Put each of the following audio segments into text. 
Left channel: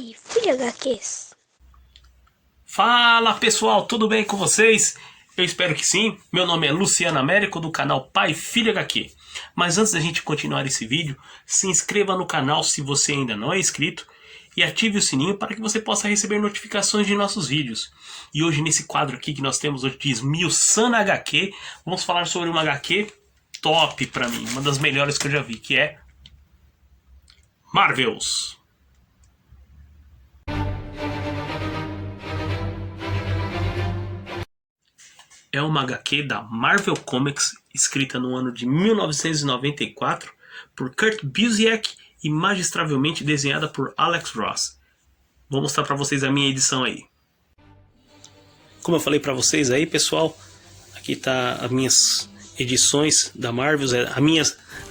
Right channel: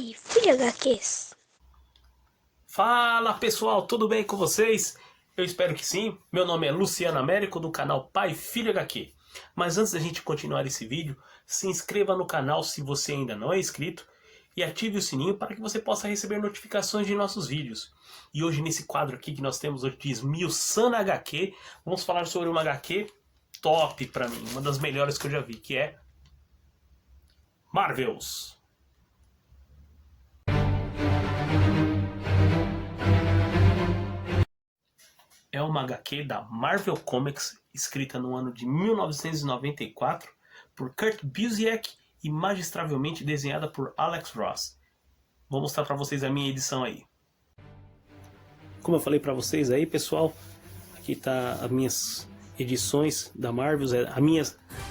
Pai, filha HQs. Fala pessoal, tudo bem com vocês? Eu espero que sim. Meu nome é Luciano Américo do canal Pai Filha HQ. Mas antes da gente continuar esse vídeo, se inscreva no canal se você ainda não é inscrito e ative o sininho para que você possa receber notificações de nossos vídeos. E hoje nesse quadro aqui que nós temos hoje de Esmiuçando HQ, vamos falar sobre uma HQ top pra mim, uma das melhores que eu já vi, que é Marvels. É uma HQ da Marvel Comics, escrita no ano de 1994 por Kurt Busiek e magistralmente desenhada por Alex Ross. Vou mostrar para vocês a minha edição aí. Como eu falei para vocês aí, pessoal, aqui tá as minhas edições da Marvel.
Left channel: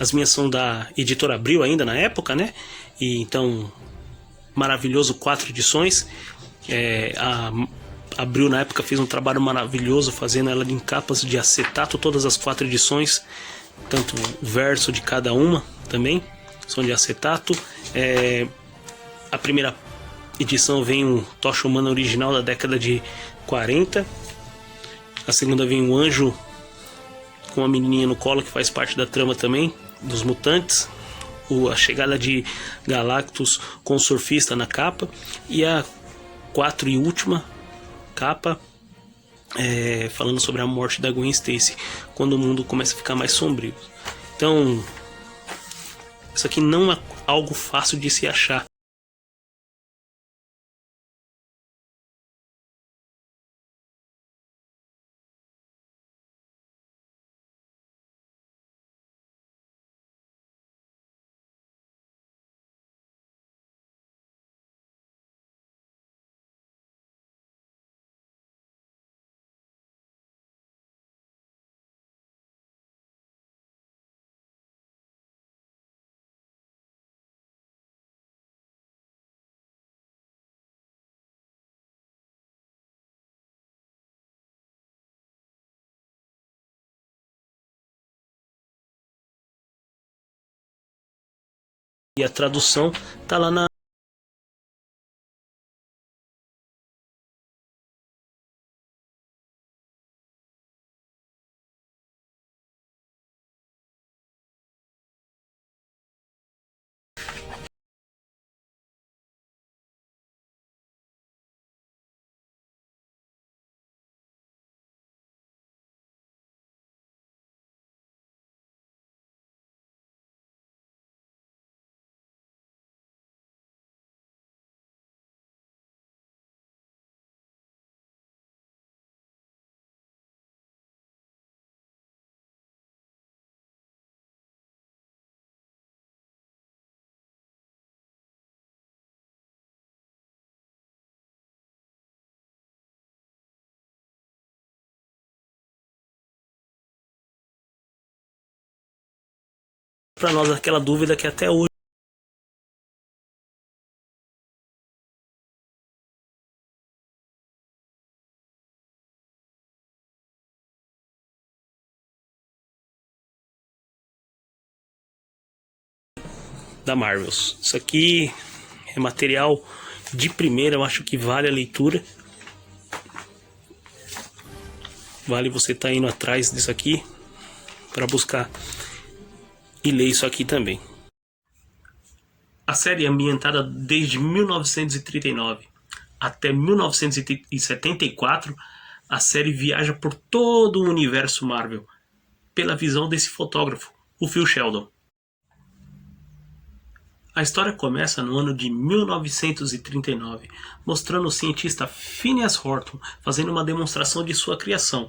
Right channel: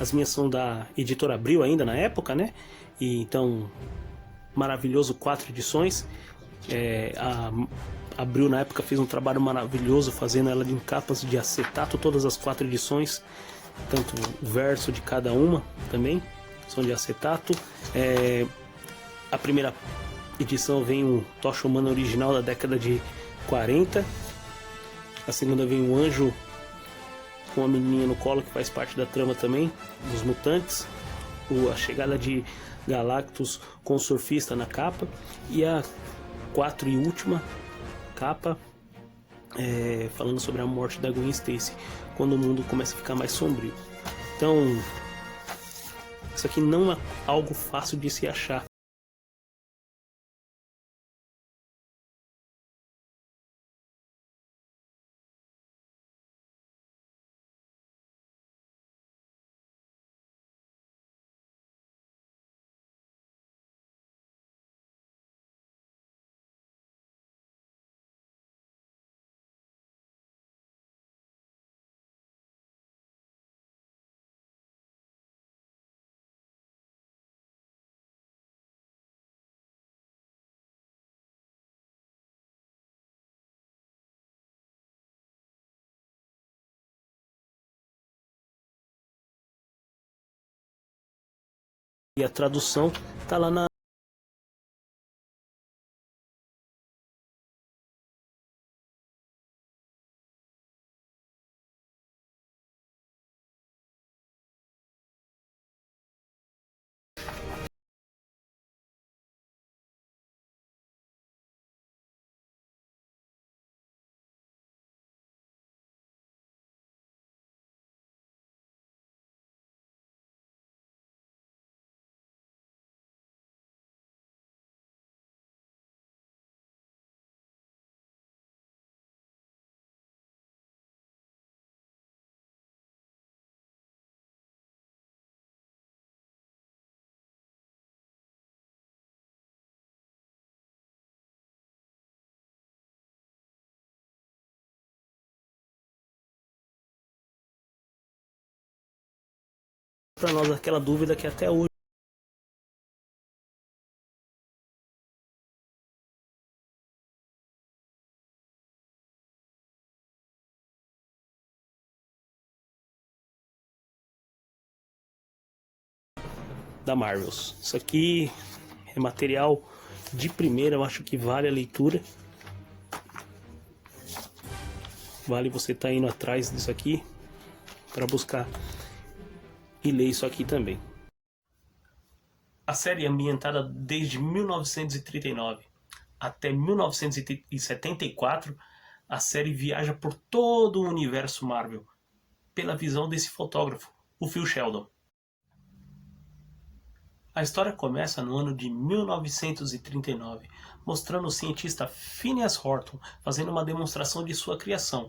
As minhas são da Editora Abril ainda na época, né? E então, maravilhoso, 4 edições. Abril na época fez um trabalho maravilhoso fazendo ela em capas de acetato, todas as 4 edições, tanto o verso de cada uma também são de acetato. A primeira edição vem um Tocha Humana original da década de 40, a segunda vem um anjo com uma menininha no colo que faz parte da trama também dos mutantes, a chegada de Galactus com o surfista na capa, e a 4 e última capa falando sobre a morte da Gwen Stacy, quando o mundo começa a ficar mais sombrio. Então, isso aqui não é algo fácil de se achar. E a tradução tá lá na para nós aquela dúvida que até hoje da Marvels. Isso aqui é material de primeira, eu acho que vale a leitura. Vale você estar indo atrás disso aqui para buscar e ler isso aqui também. A série é ambientada desde 1939 até 1974. A série viaja por todo o universo Marvel pela visão desse fotógrafo, o Phil Sheldon. A história começa no ano de 1939, mostrando o cientista Phineas Horton fazendo uma demonstração de sua criação.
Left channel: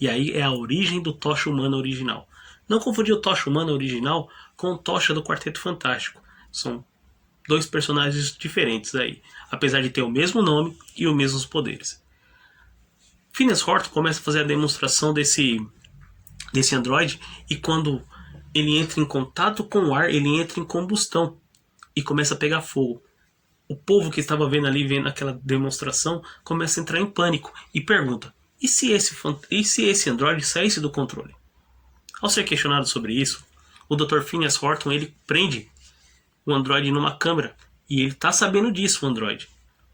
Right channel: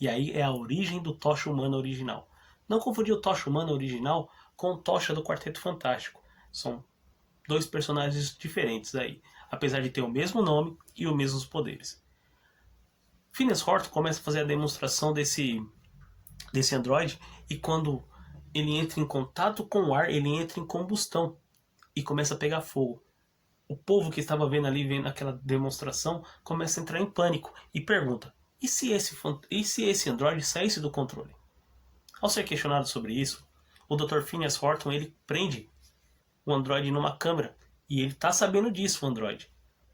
E aí é a origem do Tocha Humana original. Não confundir o Tocha Humana original com o Tocha do Quarteto Fantástico. São 2 personagens diferentes aí, apesar de ter o mesmo nome e os mesmos poderes. Phineas Horton começa a fazer a demonstração desse androide, e quando ele entra em contato com o ar, ele entra em combustão e começa a pegar fogo. O povo que estava vendo aquela demonstração começa a entrar em pânico e pergunta: e se esse androide saísse do controle? Ao ser questionado sobre isso, o Dr. Phineas Horton ele prende o androide numa câmara E ele tá sabendo disso, o androide.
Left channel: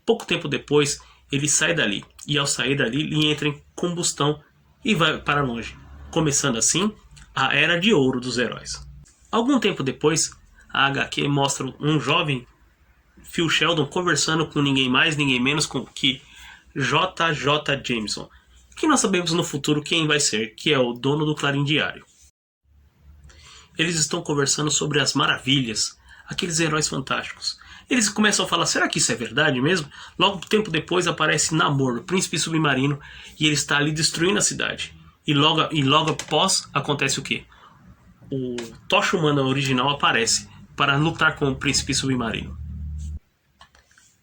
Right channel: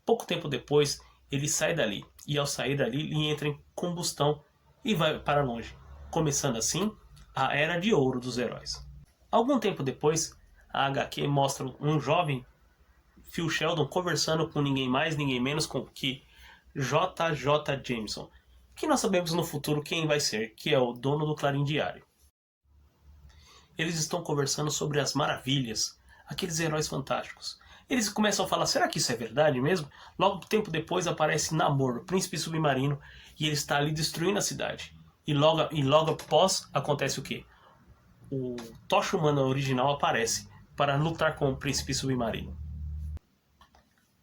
Pouco tempo depois, ele sai dali. E ao sair dali, ele entra em combustão e vai para longe. Começando assim, a Era de Ouro dos heróis. Algum tempo depois, a HQ mostra um jovem Phil Sheldon conversando com ninguém mais, ninguém menos que J.J. Jameson, que nós sabemos no futuro quem vai ser, que é o dono do Clarim Diário. Eles estão conversando sobre as maravilhas, aqueles heróis fantásticos. Eles começam a falar, será que isso é verdade mesmo? Logo tempo depois aparece Namor, o príncipe submarino, e ele está ali destruindo a cidade. E logo após acontece o quê? O Tocha Humana original aparece para lutar com o príncipe submarino.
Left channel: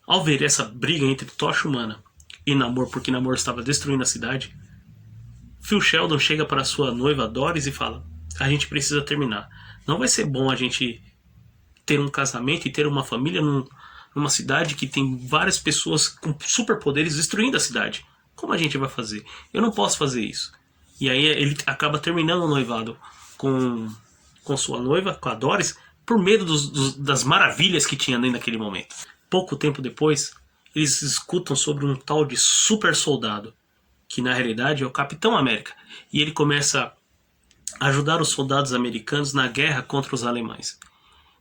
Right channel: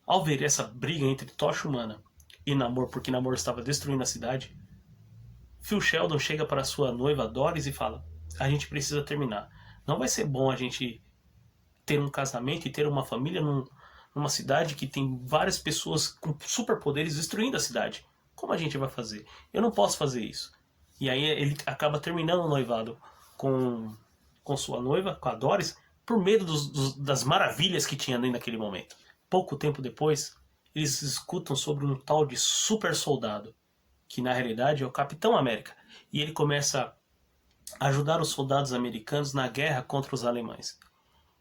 Ao ver essa briga entre Tocha Humana e Namor, porque Namor estava destruindo a cidade, Phil Sheldon chega para sua noiva Doris e fala, a gente precisa terminar. Não vai ser bom a gente ter um casamento e ter uma família numa cidade que tem várias pessoas com superpoderes destruindo a cidade. Como a gente vai fazer? Eu não posso fazer isso. E aí ele acaba terminando o noivado com sua noiva, com a Doris, por medo das maravilhas que tinha naquele momento. Pouco tempo depois, eles escutam sobre um tal de super soldado, que na realidade é o Capitão América. E ele começa a ajudar os soldados americanos na guerra contra os alemães.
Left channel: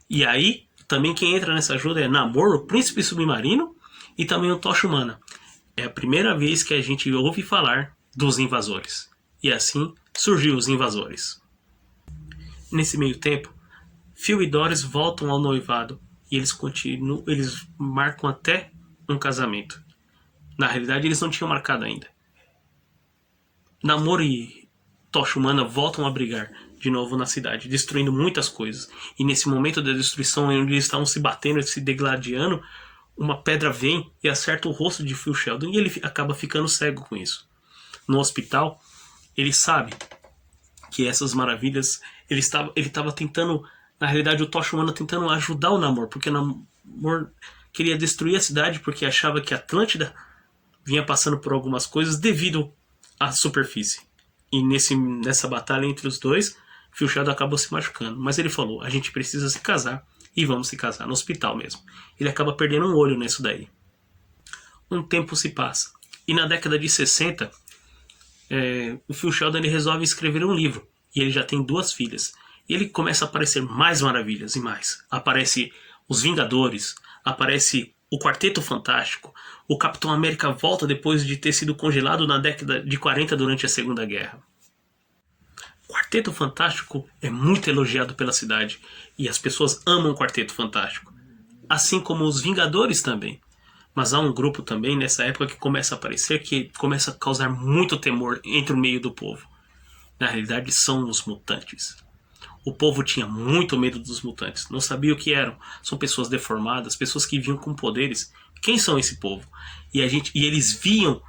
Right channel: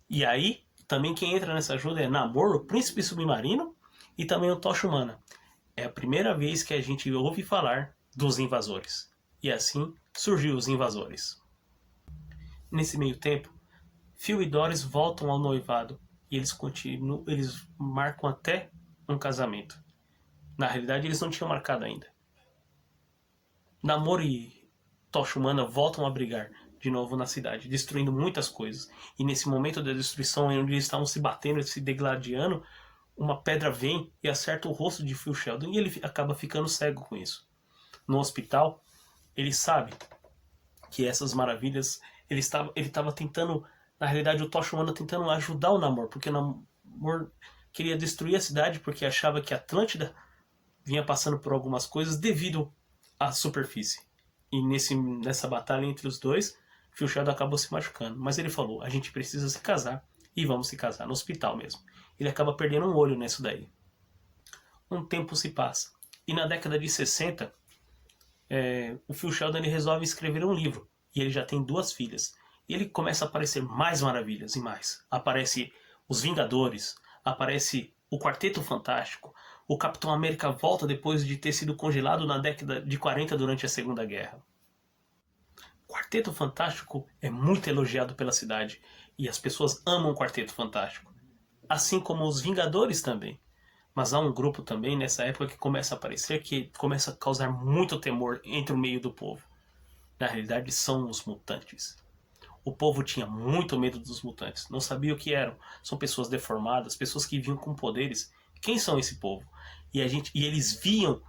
E aí, também quem entra nessa ajuda é Namor, o príncipe submarino, e também o Tocha Humana. É a primeira vez que a gente ouve falar dos invasores. E assim surgiu os invasores. Nesse meio tempo, Phil e Doris voltam ao noivado e eles marcam até um casamento. Na realidade, eles não tinham marcado ainda. Namor e Tocha Humana voltam a brigar de novo na cidade, destruindo muitas coisas. E nesse momento da destruição, onde eles estavam se batendo e se degladiando, uma pedra vem e acerta o rosto de Phil Sheldon e ele acaba ficando cego com isso. No hospital, ele sabe que essas maravilhas, ele estava tentando, na realidade o Tocha Humana tentando ajudar o Namor, porque o Namor queria destruir a cidade porque achava que a Atlântida vinha passando por algumas coisas devido à superfície. E nessa batalha entre os dois, Phil Sheldon acabou se machucando. Mas ele falou, a gente precisa se casar e vamos se casar, no hospital mesmo. Ele acaba perdendo um olho nisso daí. Um tempo se passa. E na década de 60, o Phil Sheldon ele resolve escrever um livro. E ele já tem 2 filhas. E ele começa a aparecer mais maravilhas e mais. Aparece os Vingadores, aparece o Quarteto Fantástico, o Capitão América volta depois de ter sido congelado na década de 40 durante a Segunda Guerra. O Quarteto Fantástico é muito elogiado pela cidade e as pessoas amam o Quarteto Fantástico, assim como os Vingadores também. Mas há um grupo também nessa época que começa a aparecer que começa a causar muito temor entre o meio do povo. Na realidade são os mutantes. O povo tinha muito medo dos mutantes, não sabia o que eram. São pessoas deformadas, pessoas que vinham com poderes. Quem são esse povo? E eles viam,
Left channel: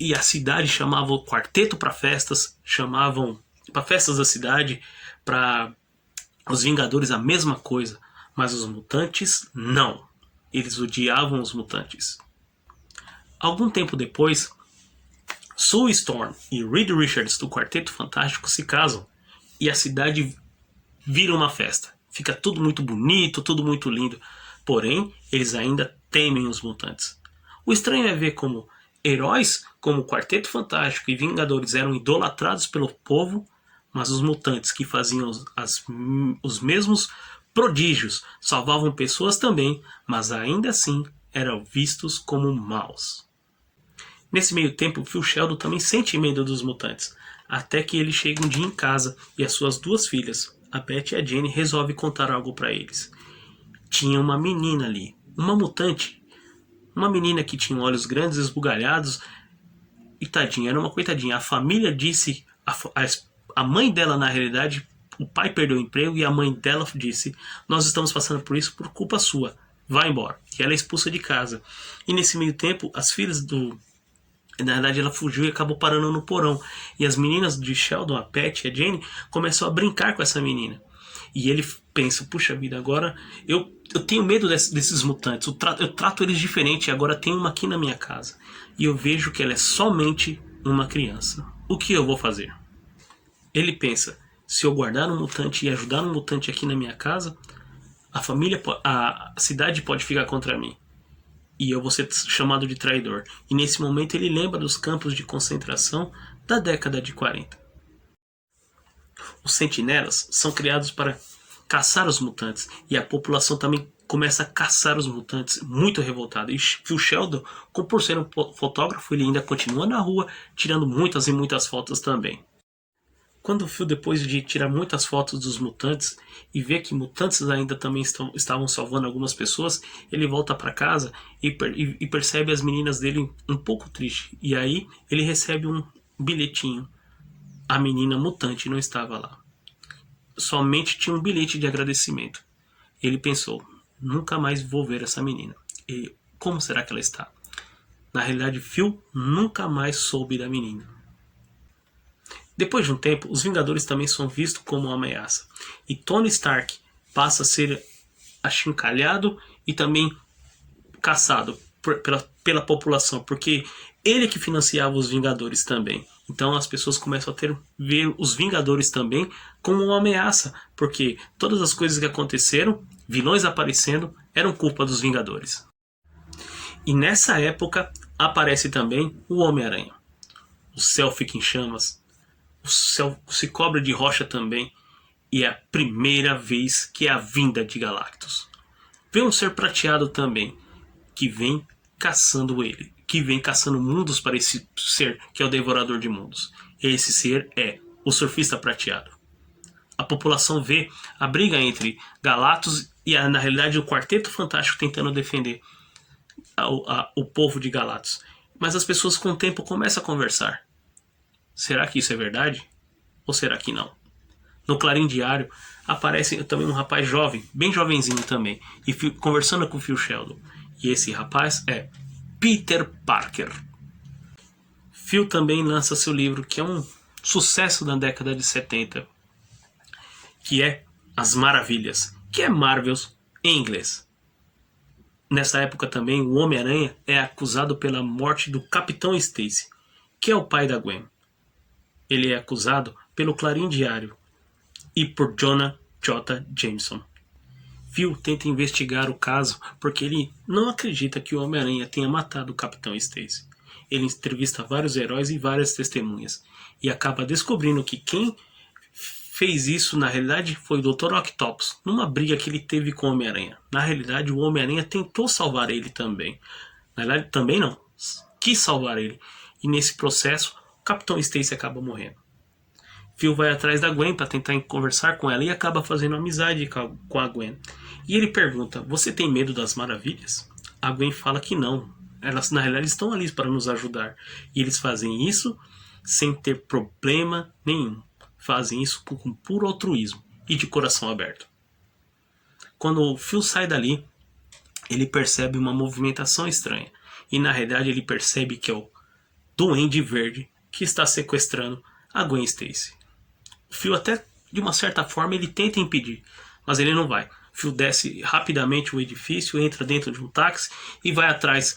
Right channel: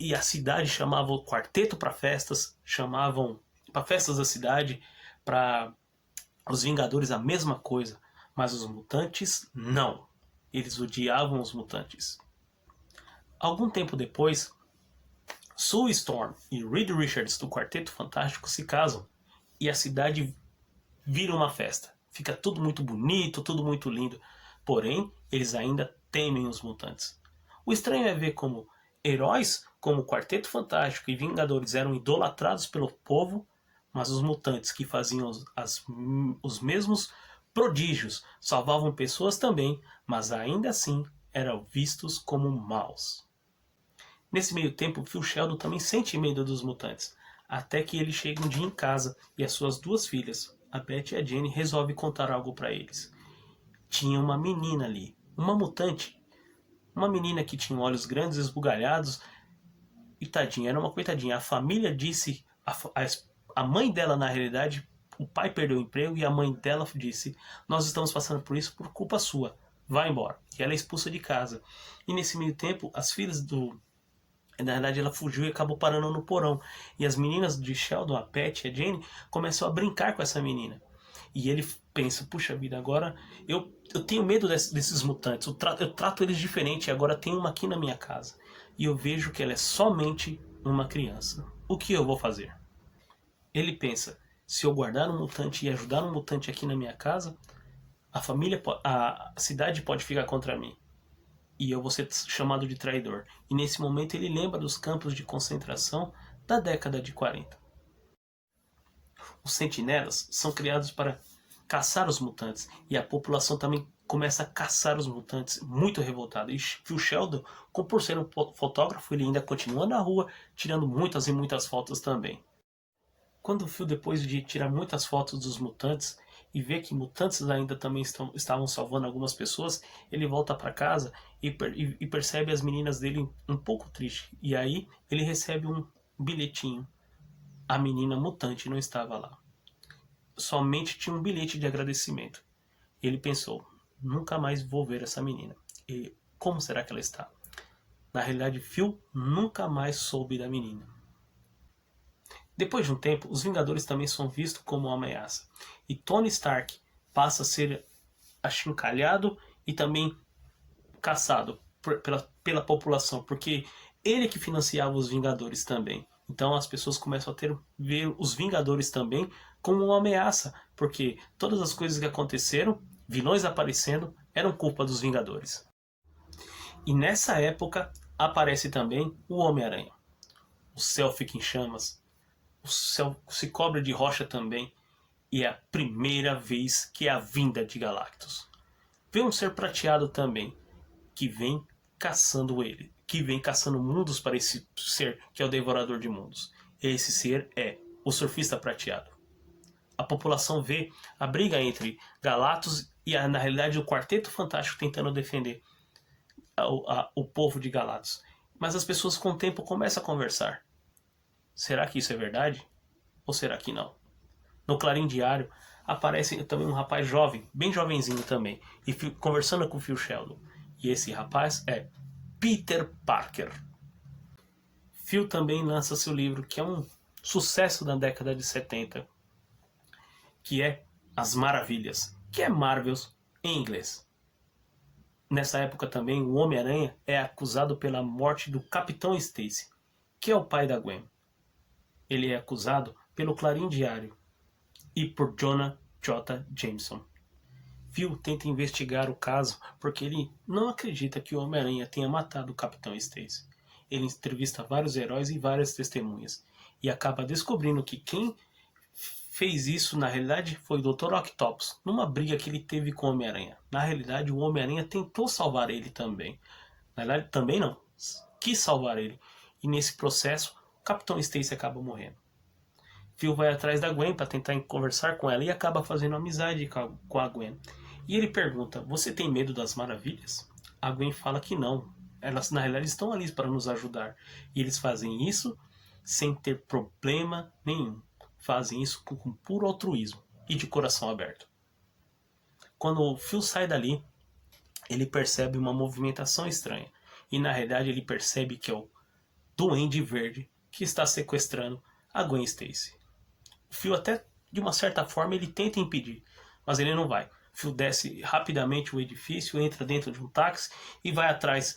e a cidade chamava o quarteto para festas, chamavam para festas da cidade, para os Vingadores a mesma coisa, mas os mutantes não. Eles odiavam os mutantes. Algum tempo depois, Sue Storm e Reed Richards do Quarteto Fantástico se casam e a cidade vira uma festa. Fica tudo muito bonito, tudo muito lindo. Porém, eles ainda temem os mutantes. O estranho é ver como heróis como o Quarteto Fantástico e Vingadores eram idolatrados pelo povo, mas os mutantes que faziam os mesmos prodígios salvavam pessoas também, mas ainda assim eram vistos como maus. Nesse meio tempo, Phil Sheldon também sente medo dos mutantes, até que ele chega um dia em casa e as suas 2 filhas, a Beth e a Jenny, resolvem contar algo para eles. Tinha uma menina ali, uma mutante, uma menina que tinha olhos grandes, esbugalhados, e tadinha, era uma coitadinha. A família disse, a mãe dela na realidade, o pai perdeu o emprego e a mãe dela disse, nós estamos passando por isso por culpa sua, vai embora. E ela é expulsa de casa. E nesse meio tempo, as filhas na verdade ela fugiu e acabou parando no porão. E as meninas de Sheldon, a Pat e a Jenny, começam a brincar com essa menina. E ele pensa, puxa vida, agora eu tenho medo desses mutantes. Eu trato eles diferente e agora tem uma aqui na minha casa. E eu vejo que ela é somente uma criança. O que eu vou fazer? Ele pensa, se eu guardar um mutante e ajudar um mutante aqui na minha casa, a cidade pode ficar contra mim. E eu vou ser chamado de traidor. E nesse momento ele lembra dos campos de concentração da década de 40. Os sentinelas são criados para caçar os mutantes. E a população também começa a caçar os mutantes, muito revoltada. E Phil Sheldon, como por ser um fotógrafo, ele ainda continua na rua, tirando muitas e muitas fotos também. Quando o Phil, depois de tirar muitas fotos dos mutantes e vê que mutantes ainda também estavam salvando algumas pessoas, ele volta para casa e percebe as meninas dele um pouco triste. E aí ele recebe um bilhetinho. A menina mutante não estava lá. Somente tinha um bilhete de agradecimento. Ele pensou, nunca mais vou ver essa menina. E como será que ela está? Na realidade, Phil nunca mais soube da menina. Depois de um tempo, os Vingadores também são vistos como uma ameaça. E Tony Stark passa a ser achincalhado e também caçado pela população, porque ele que financiava os Vingadores também. Então as pessoas começam a ver os Vingadores também como uma ameaça, porque todas as coisas que aconteceram, vilões aparecendo, eram culpa dos Vingadores. E nessa época aparece também o Homem-Aranha. O céu fica em chamas, o céu se cobre de rocha também, e é a primeira vez que é a vinda de Galactus. Vê um ser prateado também, que vem caçando ele, que vem caçando mundos para esse ser que é o Devorador de Mundos. Esse ser é o Surfista Prateado. A população vê a briga entre Galactus e, na realidade, o Quarteto Fantástico tentando defender o povo de Galactus. Mas as pessoas com o tempo começam a conversar. Será que isso é verdade? Ou será que não? No Clarim Diário aparece também um rapaz jovem, bem jovenzinho também, e conversando com o Phil Sheldon. E esse rapaz é Peter Parker. Phil também lança seu livro, que é um sucesso na década de 70, que é As Maravilhas, que é Marvels em inglês. Nessa época também, o Homem-Aranha é acusado pela morte do Capitão Stacy, que é o pai da Gwen. Ele é acusado pelo Clarim Diário e por Jonah J. Jameson. Phil tenta investigar o caso porque ele não acredita que o Homem-Aranha tenha matado o Capitão Stacy. Ele entrevista vários heróis e várias testemunhas e acaba descobrindo que quem fez isso na realidade foi o Dr. Octopus, numa briga que ele teve com o Homem-Aranha. Na realidade, o Homem-Aranha tentou salvar ele também. Na verdade, também não. Quis salvar ele. E nesse processo, o Capitão Stacy acaba morrendo. Phil vai atrás da Gwen para tentar conversar com ela e acaba fazendo amizade com a Gwen. E ele pergunta, você tem medo das maravilhas? A Gwen fala que não. Elas na realidade estão ali para nos ajudar. E eles fazem isso sem ter problema nenhum. Fazem isso com puro altruísmo e de coração aberto. Quando o Phil sai dali, ele percebe uma movimentação estranha. E na realidade ele percebe que é o Duende Verde que está sequestrando a Gwen Stacy. O Phil até, de uma certa forma, ele tenta impedir, mas ele não vai. O Phil desce rapidamente o edifício, entra dentro de um táxi e vai atrás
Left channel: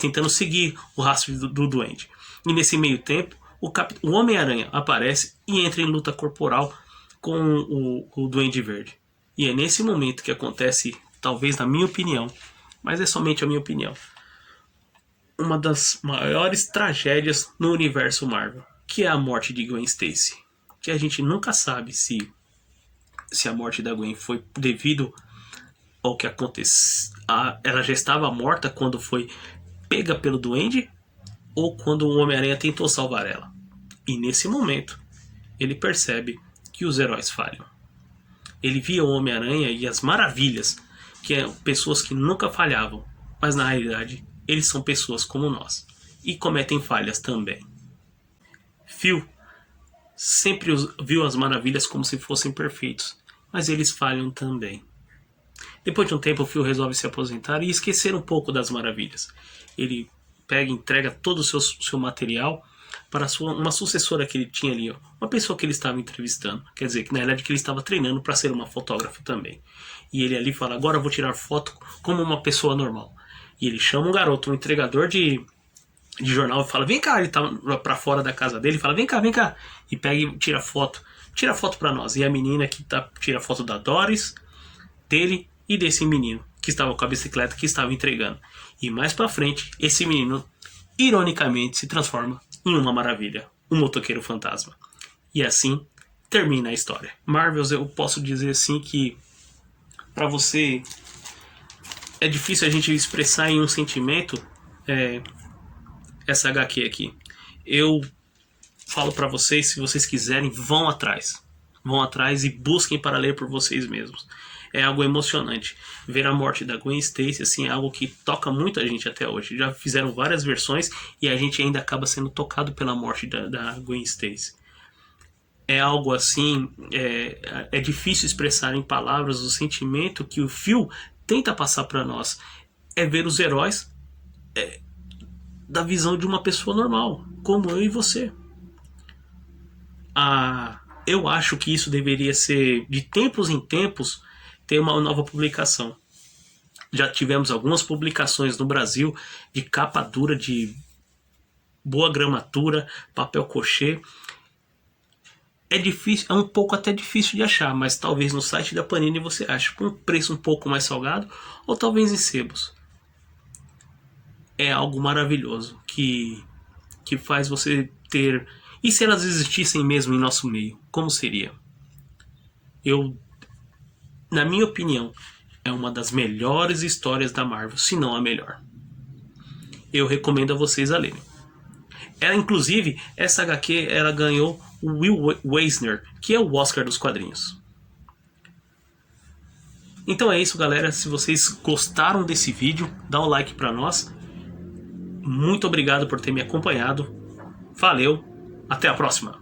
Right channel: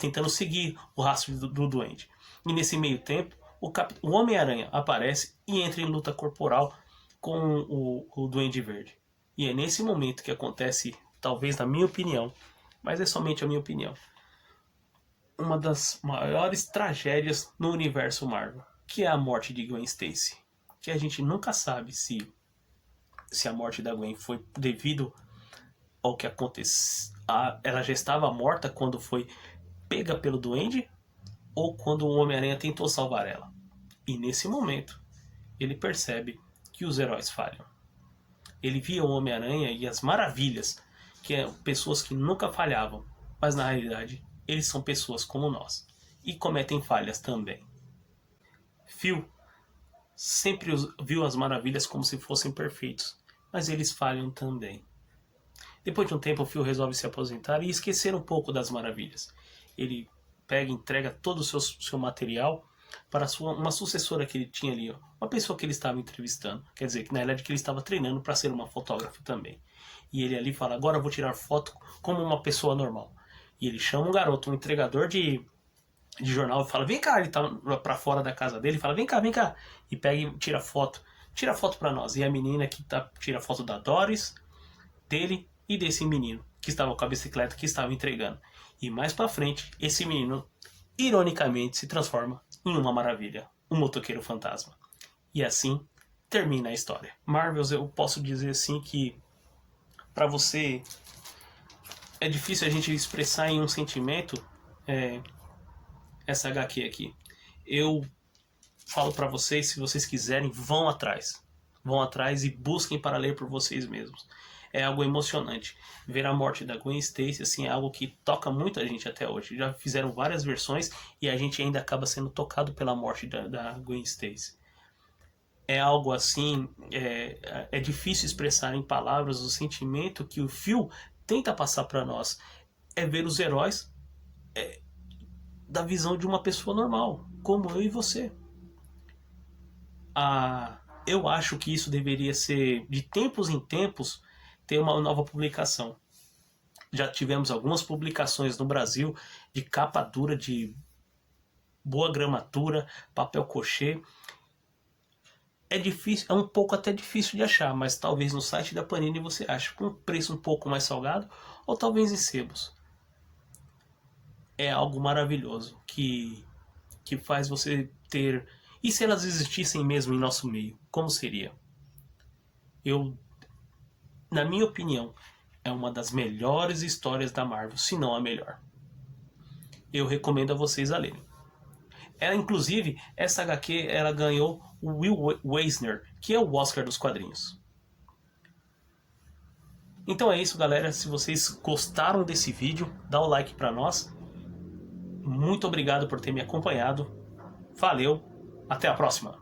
tentando seguir o rastro do Duende. E nesse meio tempo, o Homem-Aranha aparece e entra em luta corporal com o Duende Verde. E é nesse momento que acontece, talvez na minha opinião, mas é somente a minha opinião, uma das maiores tragédias no universo Marvel, que é a morte de Gwen Stacy. Que a gente nunca sabe se a morte da Gwen foi devido ao que aconteceu. Ela já estava morta quando foi pega pelo Duende ou quando o Homem-Aranha tentou salvar ela. E nesse momento, ele percebe que os heróis falham. Ele via o Homem-Aranha e as maravilhas, que é pessoas que nunca falhavam, mas na realidade eles são pessoas como nós e cometem falhas também. Phil sempre viu as maravilhas como se fossem perfeitos, mas eles falham também. Depois de um tempo, o Phil resolve se aposentar e esquecer um pouco das maravilhas. Ele pega e entrega todo o seu material para uma sucessora que ele tinha ali, uma pessoa que ele estava entrevistando. Quer dizer, que na verdade que ele estava treinando para ser uma fotógrafa também. E ele ali fala, agora eu vou tirar foto como uma pessoa normal. E ele chama um garoto, um entregador de jornal, e fala, vem cá, ele tá pra fora da casa dele, fala, vem cá, e pega e tira foto para nós. E a menina que tira foto da Doris, dele e desse menino que estava com a bicicleta que estava entregando. E mais pra frente, esse menino, ironicamente, se transforma em uma maravilha, um motoqueiro fantasma. E assim termina a história. Marvels, eu posso dizer assim que pra você é difícil a gente expressar em um sentimento essa HQ aqui. Eu falo pra vocês, se vocês quiserem, vão atrás. Vão atrás e busquem para ler por vocês mesmos. É algo emocionante. Ver a morte da Gwen Stacy assim, é algo que toca muito a gente até hoje. Já fizeram várias versões e a gente ainda acaba sendo tocado pela morte da Gwen Stacy. É algo assim, é difícil expressar em palavras o sentimento que o Phil tenta passar para nós. É ver os heróis da visão de uma pessoa normal, como eu e você. Eu acho que isso deveria ser, de tempos em tempos, ter uma nova publicação. Já tivemos algumas publicações no Brasil de capa dura, de boa gramatura, papel crochê. É difícil, é um pouco até difícil de achar, mas talvez no site da Panini você ache com um preço um pouco mais salgado, ou talvez em sebos. É algo maravilhoso que faz você ter... E se elas existissem mesmo em nosso meio, como seria? Na minha opinião, é uma das melhores histórias da Marvel, se não a melhor. Eu recomendo a vocês a lerem. Inclusive, essa HQ ela ganhou o Will Eisner, que é o Oscar dos quadrinhos. Então é isso, galera. Se vocês gostaram desse vídeo, dá um like pra nós. Muito obrigado por ter me acompanhado. Valeu, até a próxima.